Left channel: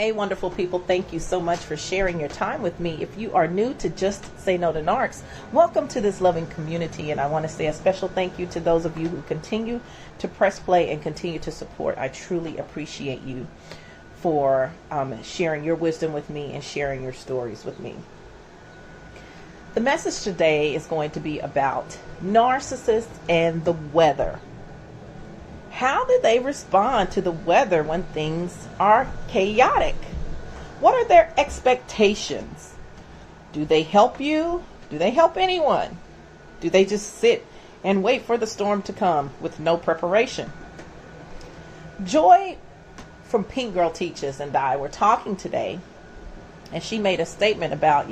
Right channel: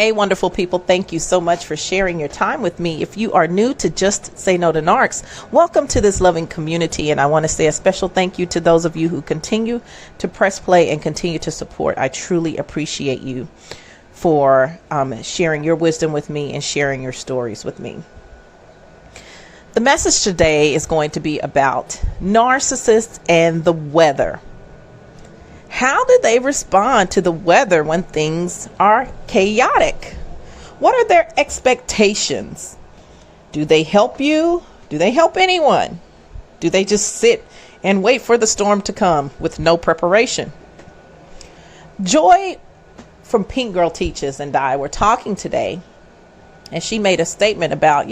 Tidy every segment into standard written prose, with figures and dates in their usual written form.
Hey, wonderful people. Thank you so much for sharing your time with me. If you are new to Just Say No to Narcs, welcome to this loving community. And I want to say a special thank you to those of you who continue to press play and continue to support. I truly appreciate you for sharing your wisdom with me and sharing your stories with me. The message today is going to be about narcissists and the weather. How did they respond to the weather when things are chaotic? What are their expectations? Do they help you? Do they help anyone? Do they just sit and wait for the storm to come with no preparation? Joy from Pink Girl Teaches and I were talking today, and she made a statement about,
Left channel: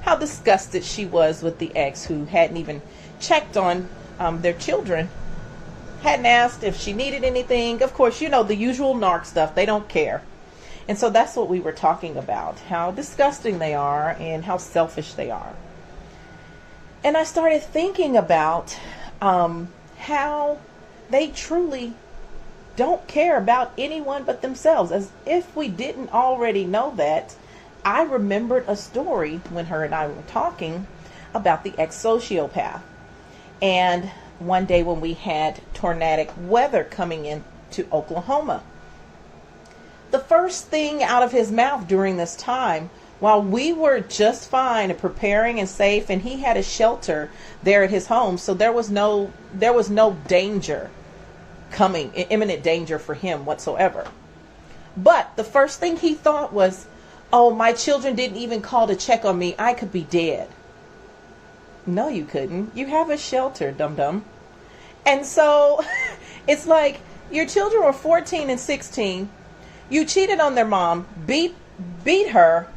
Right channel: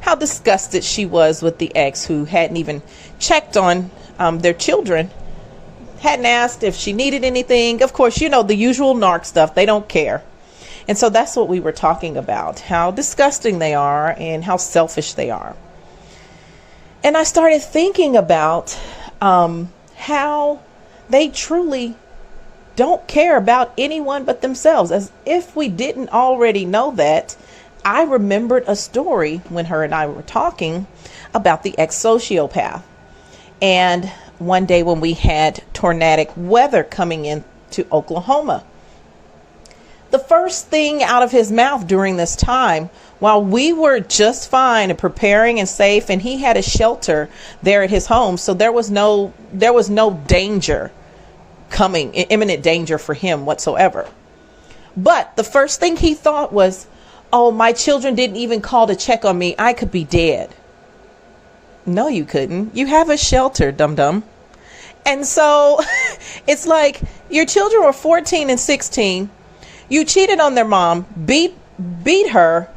how disgusted she was with the ex who hadn't even checked on their children. Hadn't asked if she needed anything. Of course, the usual narc stuff. They don't care. And so that's what we were talking about, how disgusting they are and how selfish they are. And I started thinking about how they truly don't care about anyone but themselves. As if we didn't already know that, I remembered a story when her and I were talking about the ex-sociopath. And one day when we had tornadic weather coming into Oklahoma, the first thing out of his mouth during this time, while we were just fine and preparing and safe, and he had a shelter there at his home, so there was no danger coming, imminent danger for him whatsoever. But the first thing he thought was, oh, my children didn't even call to check on me. I could be dead. No, you couldn't. You have a shelter, dum-dum. And so it's like your children were 14 and 16. You cheated on their mom, beat her,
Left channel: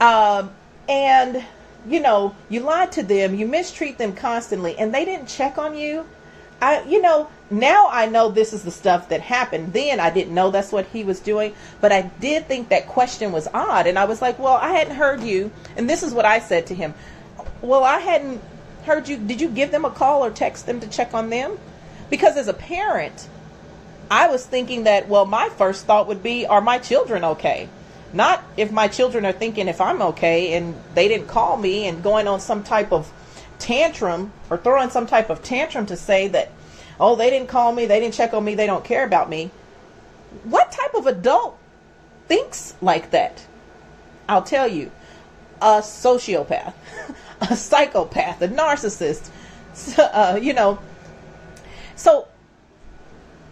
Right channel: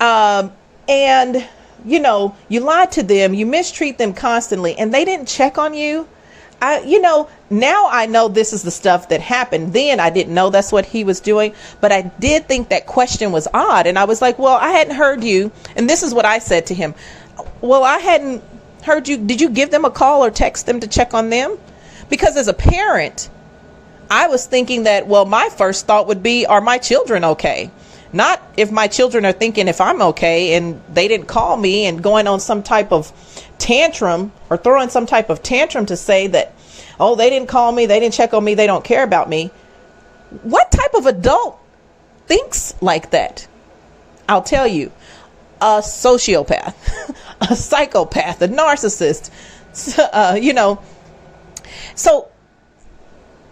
and, you lied to them. You mistreat them constantly, and they didn't check on you. Now I know this is the stuff that happened. Then I didn't know that's what he was doing, but I did think that question was odd. And I was like, well, I hadn't heard you. And this is what I said to him. Well, I hadn't heard you. Did you give them a call or text them to check on them? Because as a parent, I was thinking that, well, my first thought would be, are my children okay? Not if my children are thinking if I'm okay and they didn't call me and going on some type of tantrum or throwing some type of tantrum to say that, oh, they didn't call me, they didn't check on me, they don't care about me. What type of adult thinks like that? I'll tell you. A sociopath, a psychopath, a narcissist, So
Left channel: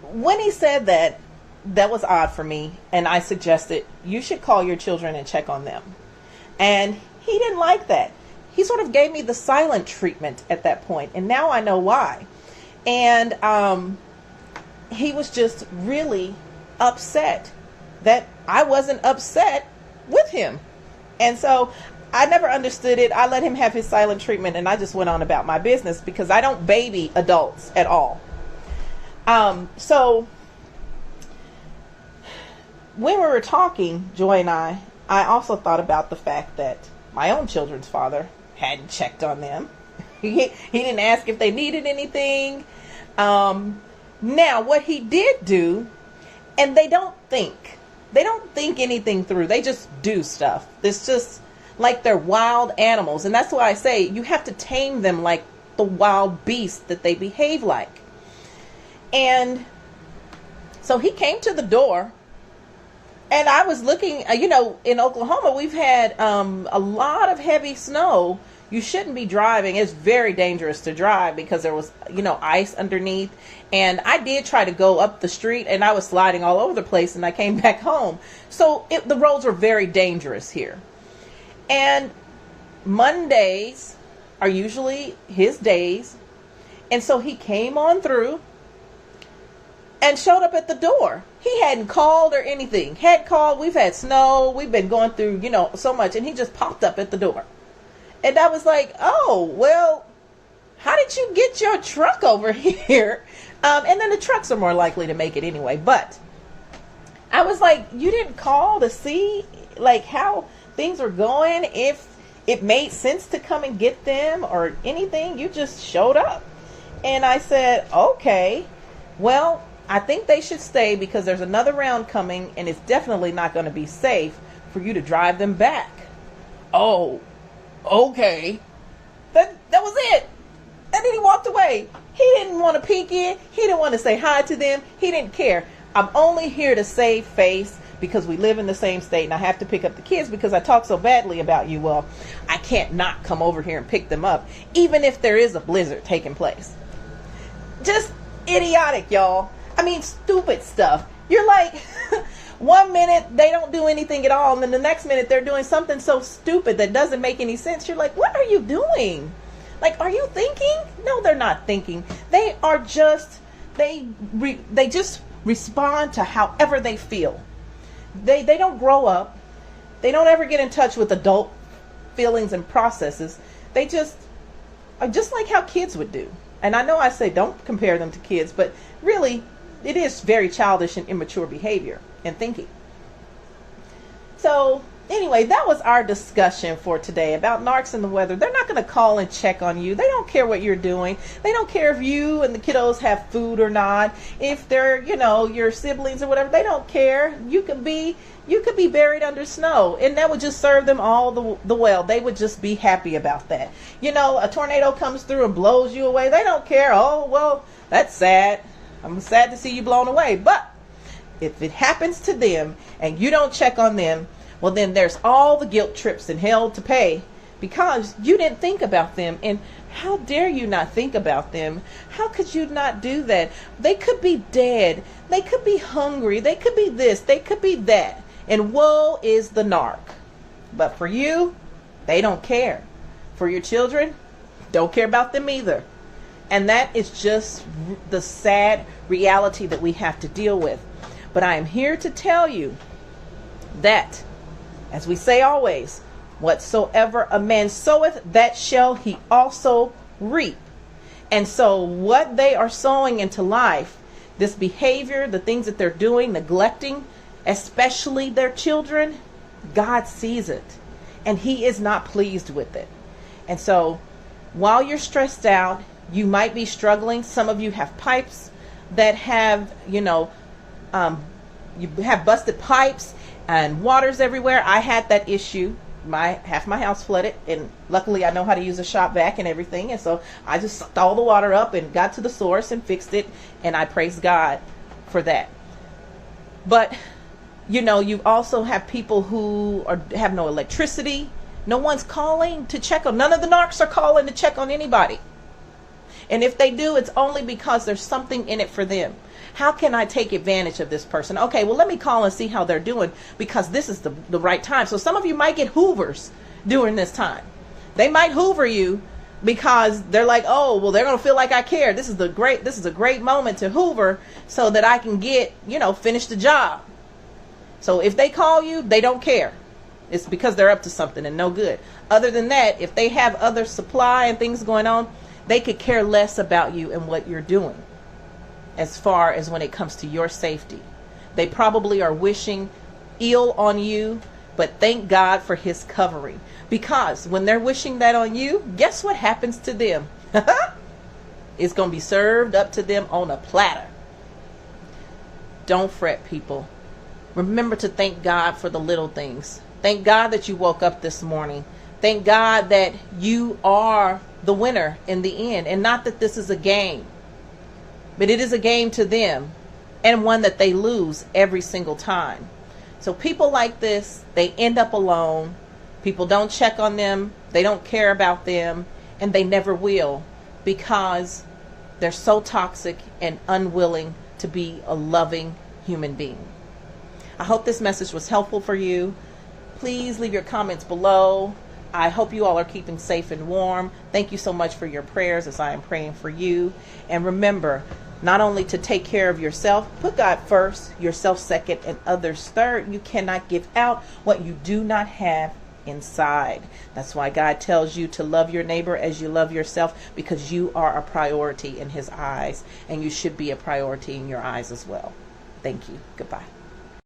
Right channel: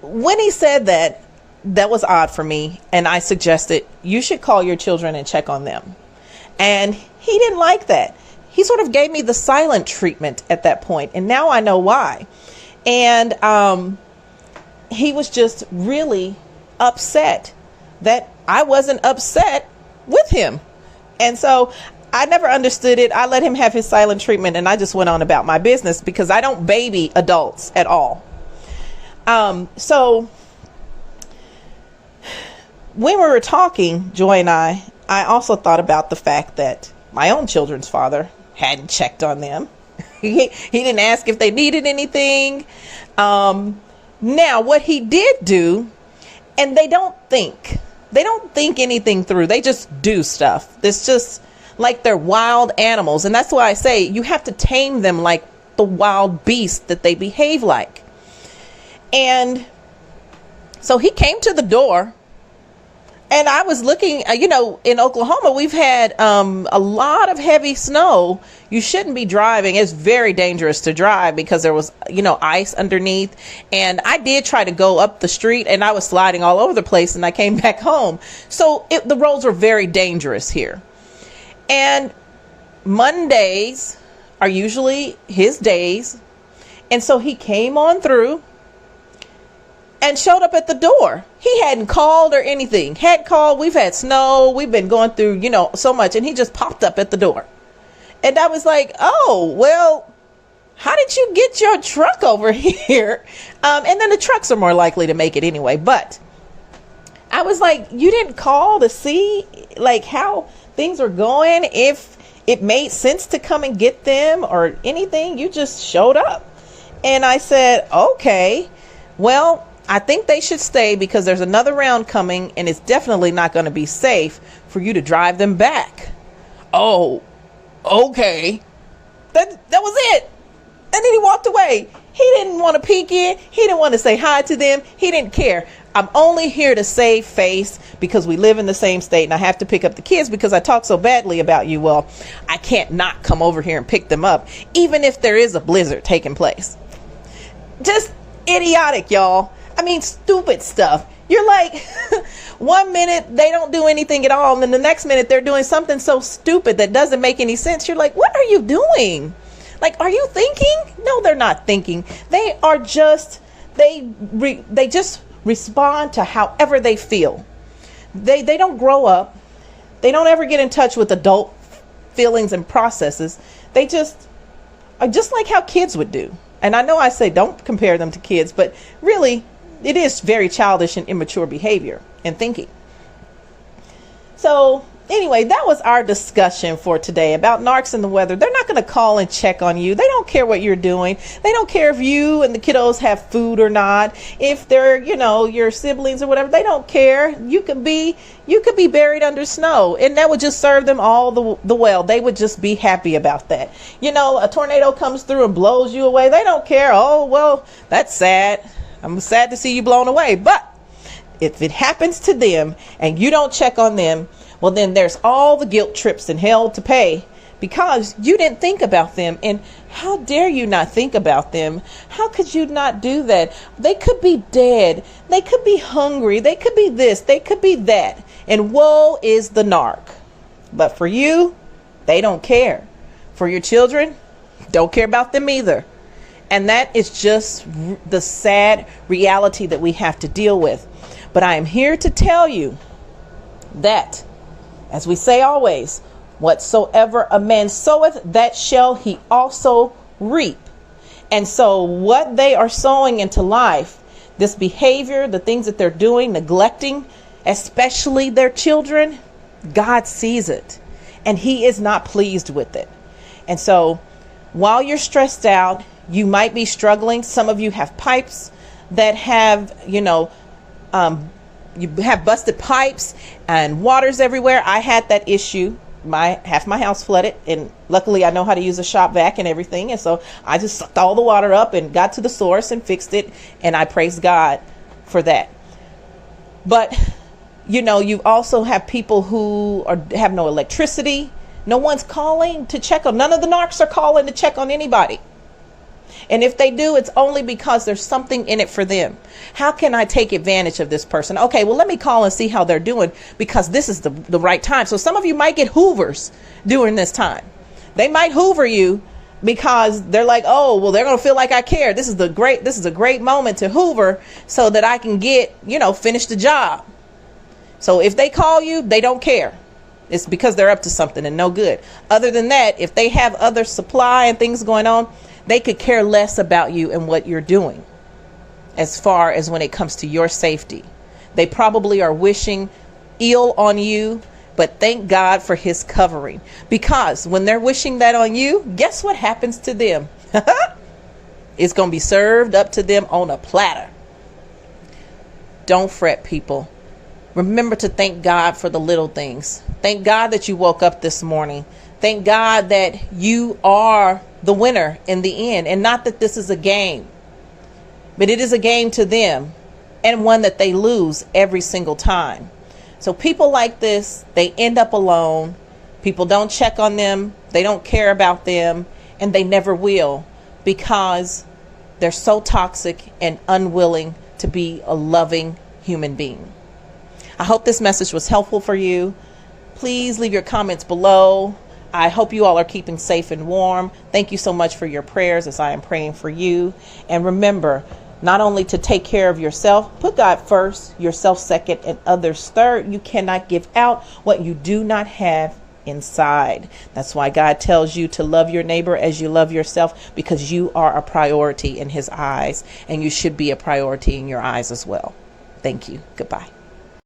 when he said that, that was odd for me. And I suggested you should call your children and check on them. And he didn't like that. He sort of gave me the silent treatment at that point. And now I know why. And he was just really upset that I wasn't upset with him. And so I never understood it. I let him have his silent treatment and I just went on about my business because I don't baby adults at all. So when we were talking, Joy and I also thought about the fact that my own children's father hadn't checked on them. He didn't ask if they needed anything. Now, what he did do, and they don't think anything through. They just do stuff. It's just like they're wild animals. And that's why I say you have to tame them like the wild beast that they behave like. And so he came to the door and I was looking, in Oklahoma, we've had a lot of heavy snow. You shouldn't be driving. It's very dangerous to drive because there was, ice underneath. And I did try to go up the street and I was sliding all over the place and I came back home. So the roads were very dangerous here. And Mondays are usually his days. And so he came on through and showed up at the door. He hadn't called or anything. Had called. We've had snow. We've been going through, so much. And he just popped up at the door. And I was like, oh, well, how did you get your truck over here? And then the trucks are more likely to make it anyway. But I was like, you didn't call to see how things were going, if it made sense to come and get them or anything. You just showed up. And I said, okay, well, I think they should stay because there's another round coming and it's definitely not going to be safe for you to drive them back. Oh, okay. That was it. And then he walked away. He didn't want to peek in. He didn't want to say hi to them. He didn't care. I'm only here to save face because we live in the same state and I have to pick up the kids because I talk so badly about you. Well, I can't not come over here and pick them up, even if there is a blizzard taking place. Just idiotic, y'all. I mean, stupid stuff. You're like, one minute they don't do anything at all, and then the next minute they're doing something so stupid that doesn't make any sense. You're like, what are you doing? Like, are you thinking? No, they're not thinking. They are just, they just respond to however they feel. They don't grow up. They don't ever get in touch with adult feelings and processes. They just are just like how kids would do. And I know I say don't compare them to kids, but really it is very childish and immature behavior and thinking. So anyway, that was our discussion for today about narcs and the weather. They're not going to call and check on you. They don't care what you're doing. They don't care if you and the kiddos have food or not. If they're, your siblings or whatever, they don't care. You could be buried under snow, and that would just serve them all the well. They would just be happy about that. A tornado comes through and blows you away. They don't care. Oh, well, that's sad. I'm sad to see you blown away. But if it happens to them and you don't check on them, well, then there's all the guilt trips and hell to pay because you didn't think about them. And how dare you not think about them? How could you not do that? They could be dead. They could be hungry. They could be this. They could be that. And woe is the narc. But for you, they don't care. For your children, don't care about them either. And that is just the sad reality that we have to deal with. But I am here to tell you that, as we say always, whatsoever a man soweth, that shall he also reap. And so what they are sowing into life, this behavior, the things that they're doing, neglecting, especially their children, God sees it and he is not pleased with it. And so while you're stressed out, you might be struggling. Some of you have pipes that have, you have busted pipes and water's everywhere. I had that issue. Half my house flooded, and luckily I know how to use a shop vac and everything. And so I just sucked all the water up and got to the source and fixed it. And I praise God for that. But, you also have people who have no electricity. No one's calling to check on. None of the narcs are calling to check on anybody. And if they do, it's only because there's something in it for them. How can I take advantage of this person? Okay, well, let me call and see how they're doing because this is the right time. So some of you might get hoovers during this time. They might hoover you because they're like, oh, well, they're going to feel like I care. This is a great moment to hoover so that I can finish the job. So if they call you, they don't care. It's because they're up to something and no good. Other than that, if they have other supply and things going on, they could care less about you and what you're doing as far as when it comes to your safety. They probably are wishing ill on you, but thank God for his covering. Because when they're wishing that on you, guess what happens to them? It's going to be served up to them on a platter. Don't fret, people. Remember to thank God for the little things. Thank God that you woke up this morning. Thank God that you are the winner in the end, and not that this is a game, but it is a game to them and one that they lose every single time. So people like this, they end up alone. People don't check on them. They don't care about them, and they never will because they're so toxic and unwilling to be a loving human being. I hope this message was helpful for you. Please leave your comments below. I hope you all are keeping safe and warm. Thank you so much for your prayers as I am praying for you. And remember, not only to take care of yourself, put God first, yourself second, and others third. You cannot give out what you do not have inside. That's why God tells you to love your neighbor as you love yourself, because you are a priority in his eyes, and you should be a priority in your eyes as well. Thank you. Goodbye.